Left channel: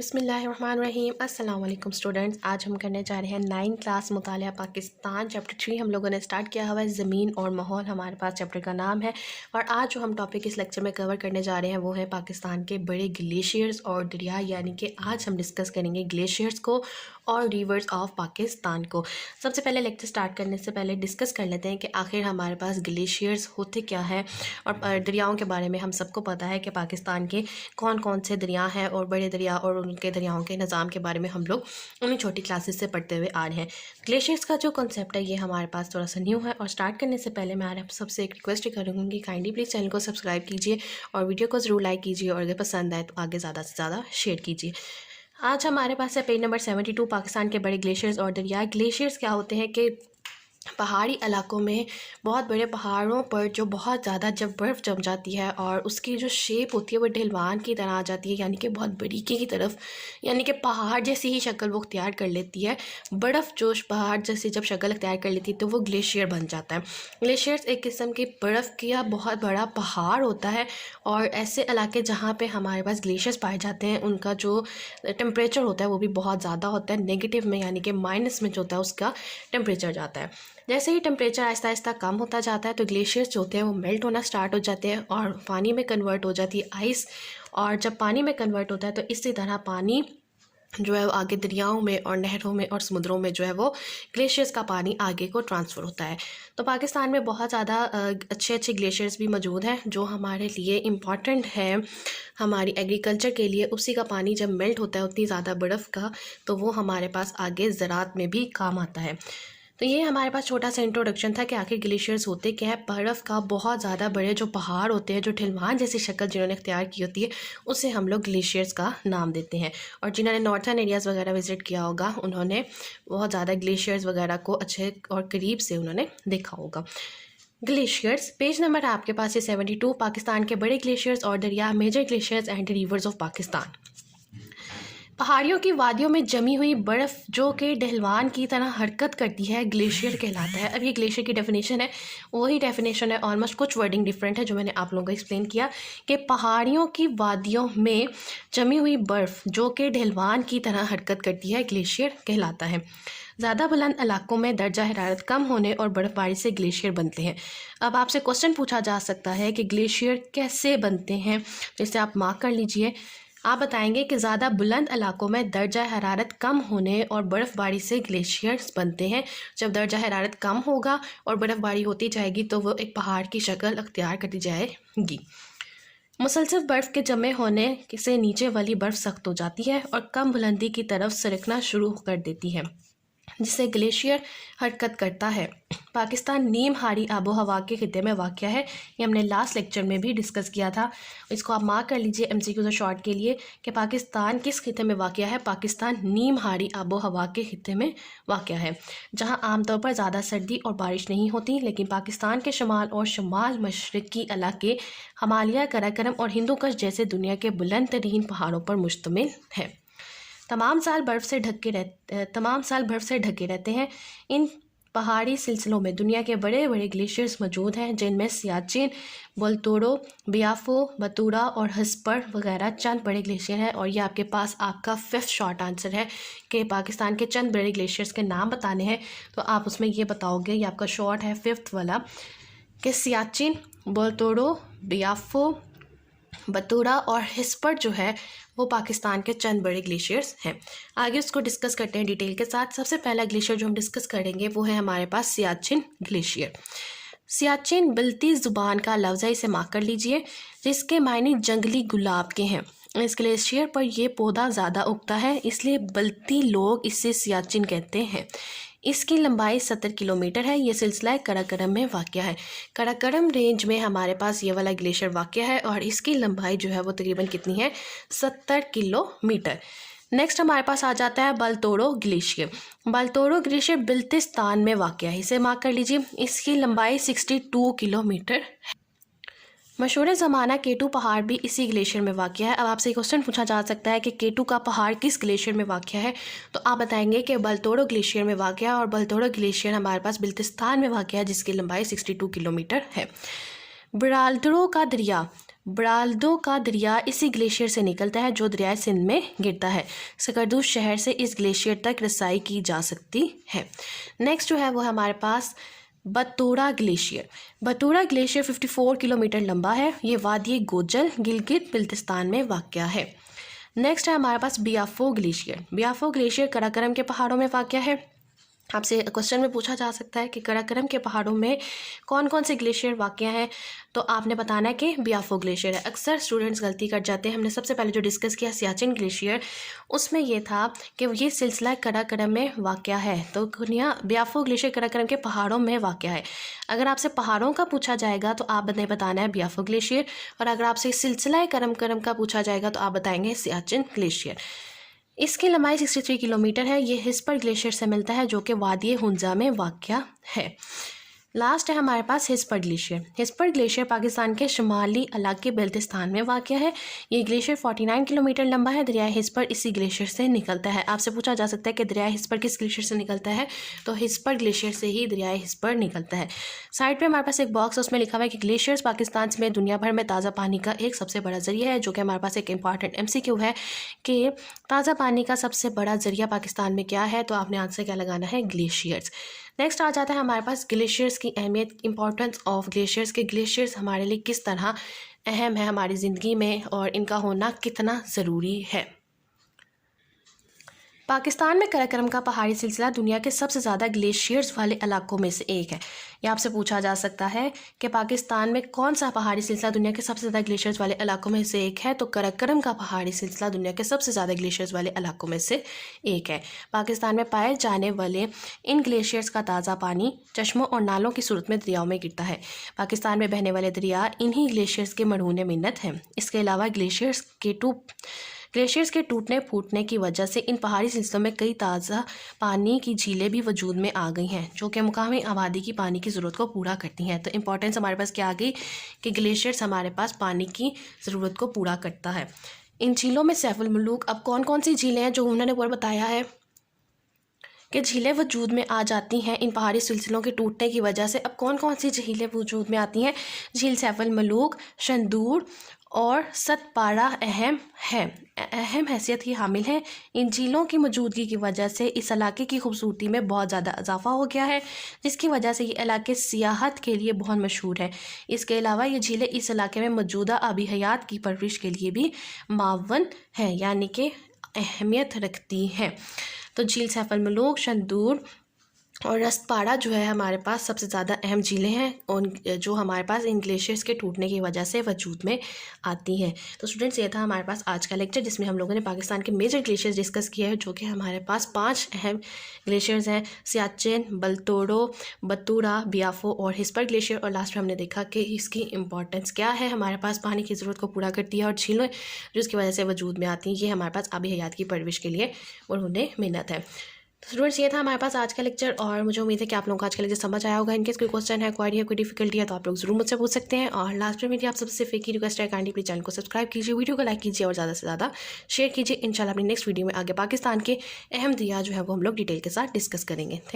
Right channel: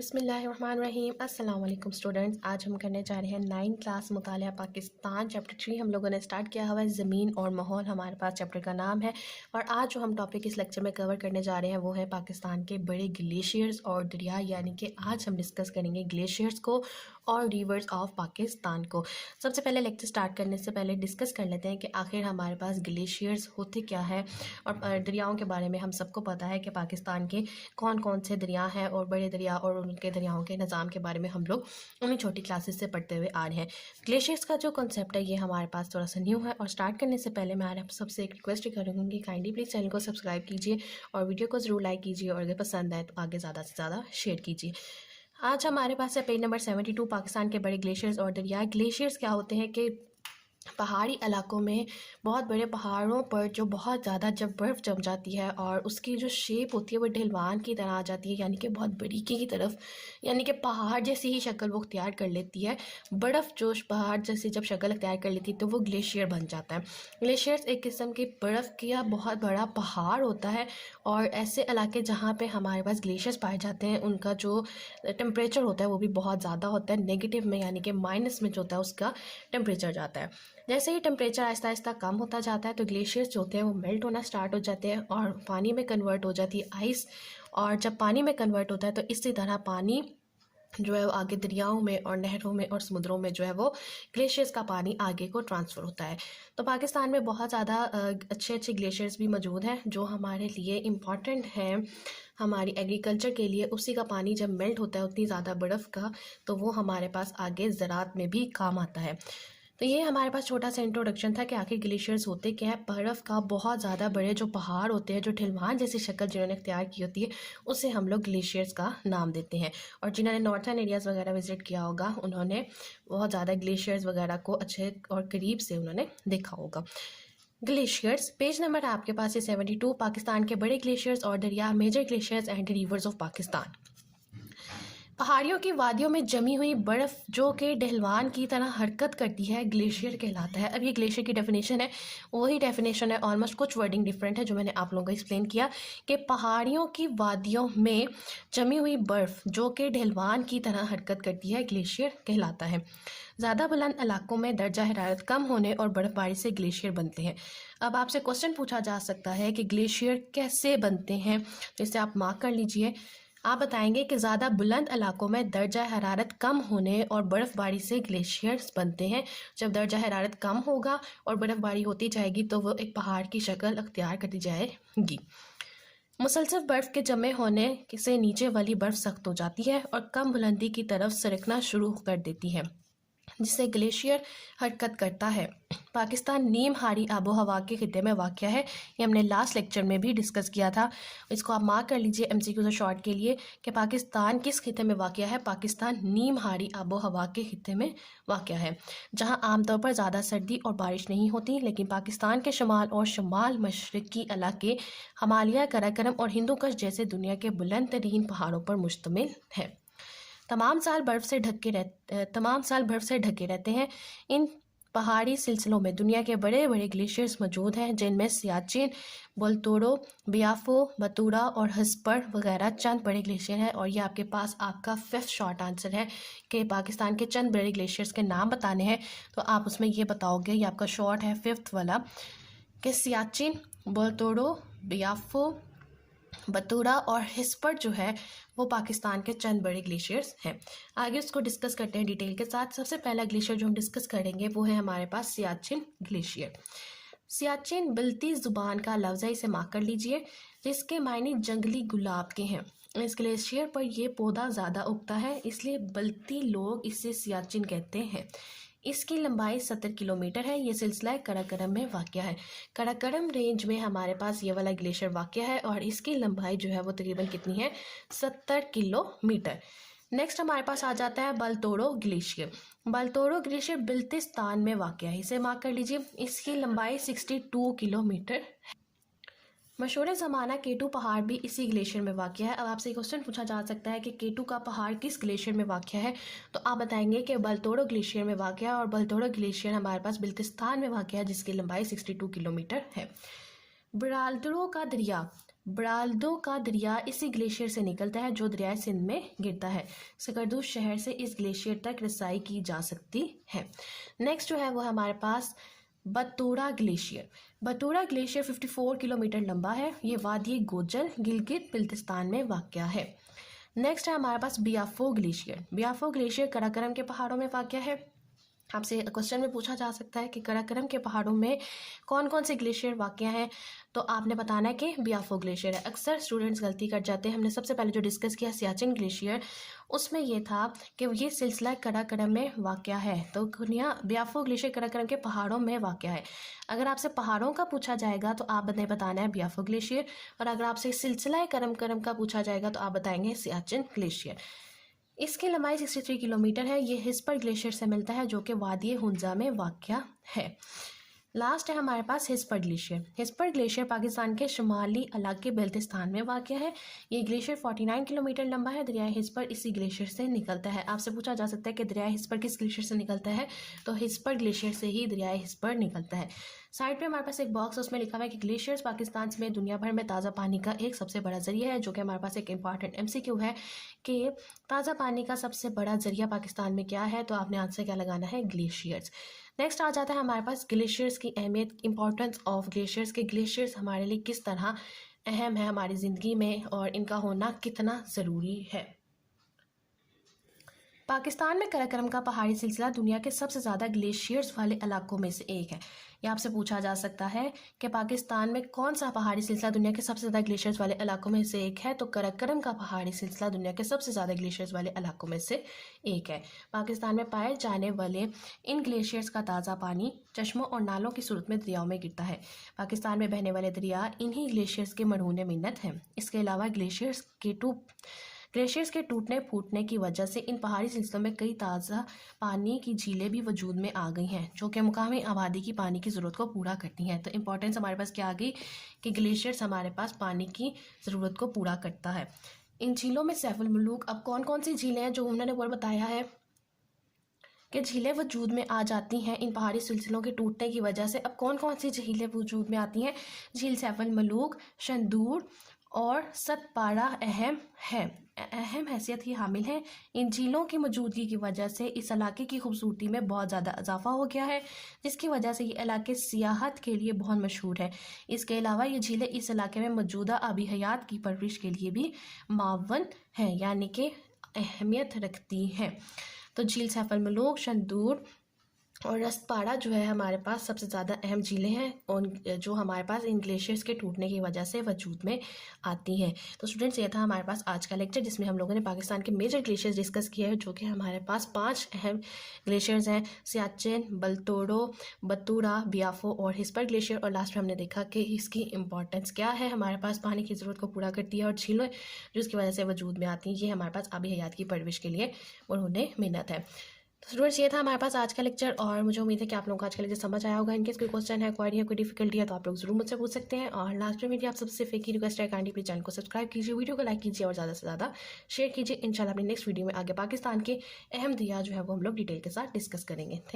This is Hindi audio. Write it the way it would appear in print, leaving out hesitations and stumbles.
बिस्मिल्लाहिर्रहमानिर्रहीम। अस्सलाम वालेकुम स्टूडेंट्स। आज हम करने जा रहे हैं 9 क्लास मुतालिया पाकिस्तान चैप्टर 3 हम लोगों ने स्टार्ट किया हुआ है। ज़मीन और माहौल हमारे पास चैप्टर का नाम है। और आज जो हम टॉपिक इस लेक्चर में कवर करने जा रहे हैं वो है पाकिस्तान के बड़े ग्लेशियर्स और दरिया, यानी कि आज हम डिस्कस करेंगे ग्लेशियर्स को और रिवर्स ऑफ पाकिस्तान को। सबसे पहले लेक्चर स्टार्ट करने से पहले डिस्कस कर लेते हैं कि आखिर हमारे पास ग्लेशियर्स होते क्या हैं। और दरियाओं के बारे में हम सबको पता है कि पाकिस्तान के कौन कौन से दरिया हैं और बड़े दरिया और उनके दरियाओं के निज़ाम के बारे में हम लोग उन्हीं छोटी क्लासेस से पढ़ते हुए आ रहे हैं। ग्लेशियर्स का जो कॉन्सेप्ट है ये हमारे पास थोड़ा सा न्यू है। और स्टार्ट करने से पहले मैं आप सबसे एक रिक्वेस्ट करूँगी कि काइंडली प्लीज़ चैनल को सब्सक्राइब कीजिए और वीडियो को ज़रूर लाइक कीजिए और अगर पसंद आए तो आगे ज़्यादा से ज़्यादा शेयर कीजिए। आज हमारे पास है पेज नंबर 72, पाकिस्तान के बड़े ग्लेशियर्स और दरिया। ग्लेशियर्स क्या होते हैं कि पहाड़ी इलाकों में बहुत बड़े पहाड़ों पर जो बहुत ज़्यादा जब बर्फ़ जम जाती है और उसकी जो शेप होती है वो ढलवान की तरह आ जाती है, यानी कि बहुत बारीकी की तरफ, यानी कि पहाड़ जैसी ही शक्ल वो अख्तियार कर लेती है। बर्फ़ जो पहाड़ जैसी जब शक्ल अख्तियार कर लेती है तो वो ग्लेशियर बन जाता है। ग्लेशियर्स एक किस्म की बर्फ़ का बहुत बड़ा पहाड़ होता है। और ऐसे इलाके जहाँ पे हमारे पास ग्लेशियर्स पाए जाते हैं उनका जो टेम्परेचर होता है वो भी बहुत ज़्यादा होता है, नेगेटिव में, यानी कि माइनस में जो होता है उसका टेम्परेचर जाता है। जैसे ही टेम्परेचर आहिस्ता आहिस्ता कम होता जाता है तो ग्लेशियर्स जो होते हैं वो मेल्ट होना स्टार्ट हो जाते हैं और पानी में कन्वर्ट हो जाती है आइस। और जब पानी में कन्वर्ट होता है तो इसी तरह पानी जो है वो आगे दरियाओं में और नहरों में और समुद्रों में जो है वो ग्लेशियर्स का पानी आगे को ट्रांसफ़र होता है। तो पाकिस्तान में बहुत ज़्यादा अच्छे अच्छे ग्लेशियर्स भी मौजूद हैं जो हमारे लिए इम्पॉर्टेंट है हमारी एग्रीकल्चर के लिए। उसी का पानी जब मेल्ट होता है उतनी ज़्यादा बर्फ़ का, तो वो हमारे पास आगे ज़राअत में भी काम आता है। तो ये हमारे पास छोटा सा इंट्रोडक्शन था कि आखिर ग्लेशियर्स होते क्या है। बर्फ़ का बहुत ज़्यादा बड़े जो पहाड़ होते हैं, जो ढलवान जैसी शक्ल जिन्होंने इख्तियार की होती है, उसे हम लोग ग्लेशियर्स का नाम देते हैं। और जिन्होंने नॉर्थर्न एरियाज़ वगैरह विज़िट किया होगा उन्होंने बहुत ज़्यादा ग्लेशियर्स वगैरह को अच्छे और करीब से उन्होंने देखा होगा। ग्लेशियर्स पेज नंबर आपके पास है 72, पाकिस्तान के बड़े ग्लेशियर्स और दरिया, major glaciers and rivers of Pakistan. पहाड़ियों की वादियों में जमी हुई बर्फ़ जो कि ढलवान की तरह हरकत करती है ग्लेशियर कहलाता है। अब ये ग्लेशियर की डेफिनेशन है, वही डेफिनेशन है, ऑलमोस्ट कुछ वर्डिंग डिफरेंट है जो मैंने आप लोगों को एक्सप्लेन किया कि पहाड़ियों की वादियों में जमी हुई बर्फ़ जो कि ढलवान की तरह हरकत करती है ग्लेशियर कहलाता है। ज़्यादा बुलंद इलाकों में दर्जा हरारत कम होने और बर्फ़बारी से ग्लेशियर बनते हैं। अब आपसे क्वेश्चन पूछा जा सकता है कि ग्लेशियर कैसे बनते हैं, जैसे आप मार्क कर लीजिए। आप बताएंगे कि ज़्यादा बुलंद इलाकों में दर्जा हरारत कम होने और बर्फ़बारी से ग्लेशियर्स बनते हैं। जब दर्जा हरारत कम होगा और बर्फ़बारी होती जाएगी तो वो एक पहाड़ की शक्ल अख्तियार करती जाएगी। मुसलसल बर्फ़ के जमे होने से नीचे वाली बर्फ़ सख्त हो जाती है और कम बुलंदी की तरफ सरकना शुरू कर देती है, जिससे ग्लेशियर हरकत करता है। पाकिस्तान नीम हारी आबो हवा के खिते में वाक़या है। ये हमने लास्ट लेक्चर में भी डिस्कस किया था। इसको आप मार्क कर लीजिए MCQ और शॉर्ट के लिए कि पाकिस्तान किस खिते में वाक़या है। पाकिस्तान नीम हारी आबो हवा के खिते में वाक़या है, जहां आमतौर पर ज़्यादा सर्दी और बारिश नहीं होती, लेकिन पाकिस्तान के शमाल और शमाल मशरक़ी इलाके हिमालय, कराकोरम और हिंदू कुश जैसे दुनिया के बुलंद तरीन पहाड़ों पर मुश्तमिल है। तमाम साल बर्फ़ से ढके रहते हैं। इन पहाड़ी सिलसिलों में दुनिया के बड़े बड़े ग्लेशियर्स मौजूद हैं, जिनमें सियाचिन, बोलतोरो, बियाफो, बतूरा और हस्पर वगैरह चंद बड़े ग्लेशियर हैं। और ये आपके पास आपका 5th शॉर्ट आंसर है कि पाकिस्तान के चंद बड़े ग्लेशियर्स के नाम बताने हैं। तो आप उसमें ये बताओगे, ये आपका शॉर्ट है 5th वाला, कि सियाचिन, बोलतोरो, बियाफो, बतूरा और हिस्पर जो है वो पाकिस्तान के चंद बड़े ग्लेशियर्स हैं। आगे उसको डिस्कस करते हैं डिटेल के साथ। सबसे पहला ग्लेशियर जो हम डिस्कस करेंगे वो है हमारे पास सियाचिन ग्लेशियर। सियाचिन बिलती ज़ुबान का लफ्ज़ है, इसे मार्क कर लीजिए, जिसके मायने जंगली गुलाब के हैं। इस ग्लेशियर पर यह पौधा ज़्यादा उगता है, इसलिए बल्ती लोग इसे सियाचिन कहते हैं। इसकी लंबाई 70 किलोमीटर है। ये सिलसिला कराकोरम में वाक़या है। कराकोरम रेंज में हमारे पास ये वाला ग्लेशियर वाक़या है और इसकी लंबाई जो है वो तकरीबन कितनी है, 70 किलोमीटर। नेक्स्ट हमारे पास आ जाता है बलतोरो ग्लेशियर। बलतोरो ग्लेशियर बिल्तिस्तान में वाक़या है, इसे मार्क कर लीजिए। इसकी लंबाई 62 किलोमीटर है। मशहूर ज़माना केटू पहाड़ भी इसी ग्लेशियर में वाक़या है। अब आपसे क्वेश्चन पूछा जा सकता है कि केटू का पहाड़ किस ग्लेशियर में वाक़या है, तो आप बताएंगे कि बलतोरो ग्लेशियर में वाक़या है। और बलतोरो ग्लेशियर हमारे पास बिल्तिस्तान में वाक़या है, जिसकी लंबाई 62 किलोमीटर है। ब्राल्डरो का दरिया ब्राल्दो का दरिया इसी ग्लेशियर से निकलता है जो दरिया सिंध में गिरता है। सकरदूस शहर से इस ग्लेशियर तक रसाई की जा सकती है। नेक्स्ट जो है वो हमारे पास बतूरा ग्लेशियर। बतूरा ग्लेशियर 54 किलोमीटर लंबा है। ये वादी गोजल गिलगित बिल्तिस्तान में वाक़या है। नेक्स्ट है हमारे पास बियाफो ग्लेशियर। बियाफो ग्लेशियर कराकरम के पहाड़ों में वाक़या है। आपसे क्वेश्चन में पूछा जा सकता है कि कराकरम के पहाड़ों में कौन कौन से ग्लेशियर वाक़या हैं, तो आपने बताना है कि बियाफो ग्लेशियर है। अक्सर स्टूडेंट्स गलती कर जाते हैं। हमने सबसे पहले जो डिस्कस किया सियाचिन ग्लेशियर, उसमें ये था कि ये सिलसिला कराकरम में वाक़या है, तो बियाफो ग्लेशियर कराकरम के पहाड़ों में वाक़या है। अगर आपसे पहाड़ों का पूछा जाएगा तो आपने बताना है बियाफो ग्लेशियर, और अगर आपसे सिलसिला करम का पूछा जाएगा तो आप बताएंगे सियाचिन ग्लेशियर। इसकी लंबाई 63 किलोमीटर है। ये हिस्पर ग्लेशियर से मिलता है जो कि वादी हुंजा में वाक़या है। लास्ट है हमारे पास हिस्पर ग्लेशियर। हिस्पर ग्लेशियर पाकिस्तान के शुमाली इलाके बल्तिस्तान में वाक़या है। ये ग्लेशियर 49 किलोमीटर लंबा है। दरिया हिस्पर इसी ग्लेशियर से निकलता है। आपसे पूछा जा सकता है कि दरिया हिस्पर किस ग्लेशियर से निकलता है, तो हिस्पर ग्लेशियर से ही दरिया हिस्पर निकलता है। साइड पे हमारे पास एक बॉक्स है, उसमें लिखा हुआ है कि ग्लेशियर्स पाकिस्तान में दुनिया भर में ताज़ा पानी का एक सबसे बड़ा ज़रिया है, जो कि हमारे पास एक इंपॉर्टेंट MCQ है कि ताज़ा पानी का सबसे बड़ा ज़रिया पाकिस्तान में क्या है, तो आपने आंसर क्या लगाना है, ग्लेशियर्स। नेक्स्ट आ जाता है हमारे पास ग्लेशियर्स की अहमियत, इंपॉर्टेंस ऑफ ग्लेशियर्स के ग्लेशियर्स हमारे लिए किस तरह अहम है हमारी ज़िंदगी में और इनका होना कितना ज़रूरी है। पाकिस्तान में कराकरम का पहाड़ी सिलसिला दुनिया के सबसे ज़्यादा ग्लेशियर्स वाले इलाकों में से एक है। ये आपसे पूछा जा सकता है कि पाकिस्तान में कौन सा पहाड़ी सिलसिला दुनिया के सबसे ज़्यादा ग्लेशियर्स वाले इलाकों में से एक है, तो कराकरम का पहाड़ी सिलसिला दुनिया के सबसे ज़्यादा ग्लेशियर्स वाले इलाकों में से एक है। पाकिस्तान में पाए जाने वाले इन ग्लेशियर्स का ताज़ा पानी चश्मों और नालों की सूरत में दरियाओं में गिरता है। पाकिस्तान में बहने वाले दरिया इन्हीं ग्लेशियर्स के मढ़ूने मिन्नत हैं। इसके अलावा ग्लेशियर्स के टूटने फूटने की वजह से इन पहाड़ी सिलसिलों में कई ताज़ा पानी की झीलें भी वजूद में आ गई हैं, जो कि मुकामी आबादी की पानी की ज़रूरत को पूरा करती हैं। तो इंपॉर्टेंस हमारे पास क्या आ गई कि ग्लेशियर्स हमारे पास पानी की ज़रूरत को पूरा करता है। इन झीलों में सैफुल मुलूक, अब कौन कौन सी झीलें हैं जो उन्होंने ऊपर बताया है कि झीलें वजूद में आ जाती हैं इन पहाड़ी सिलसिलों के टूटने की वजह से। अब कौन कौन सी झीलें वजूद में आती हैं, झील सैफुल मुलूक, शंदूर और सतपाड़ा अहम हैसियत की हामिल हैं। इन झीलों की मौजूदगी की वजह से इस इलाके की खूबसूरती में बहुत ज़्यादा इजाफा हो गया है, जिसकी वजह से ये इलाके सियाहत के लिए बहुत मशहूर है। इसके अलावा ये झीलें इस इलाके में मौजूदा आबी हयात की परवरिश के लिए भी मावन हैं, यानी कि अहमियत रखती हैं। तो झील सैफुल मुलूक, शंदूर और रस्तपाड़ा जो है हमारे पास सबसे ज़्यादा अहम झीलें हैं, उन जो हमारे पास इन ग्लेशियर्स के टूटने की वजह से वजूद में आती हैं। तो स्टूडेंट्स, ये था हमारे पास आज का लेक्चर, जिसमें हम लोगों ने पाकिस्तान के मेजर ग्लेशियर्स डिस्कस किए हैं, जो कि हमारे पास 5 अहम ग्लेशियर्स हैं, सियाचिन, बलतोड़ो, बतूरा, बियाफो और हिस्पर ग्लेशियर। और लास्ट में हमने देखा कि इसकी इंपॉर्टेंस क्या है, हमारे पास पानी की ज़रूरत को पूरा करती है, और झीलें जो इसकी वजह से वजूद में आती हैं, ये हमारे पास आबी हयात की परवरिश के लिए उन्होंने मेहनत है। तो स्टूडेंट्स, ये था हमारे पास आज का लेक्चर, और मुझे उम्मीद है कि आप लोगों को आज का लेक्चर समझ आया होगा। इनकेस कोई क्वेश्चन है, क्वारी है, कोई डिफिकल्टी है, तो आप लोग जरूर मुझसे पूछ सकते हैं। और लास्ट में मेरी आप सबसे एक ही रिक्वेस्ट है, काइंडली प्लीज चैनल को सब्सक्राइब कीजिए, वीडियो को लाइक कीजिए और ज़्यादा से ज़्यादा शेयर कीजिए। इंशाल्लाह अपनी नेक्स्ट वीडियो में आगे पाकिस्तान के अहम दरिया जो है वो हम लोग डिटेल के साथ डिस्कस करेंगे। थैंक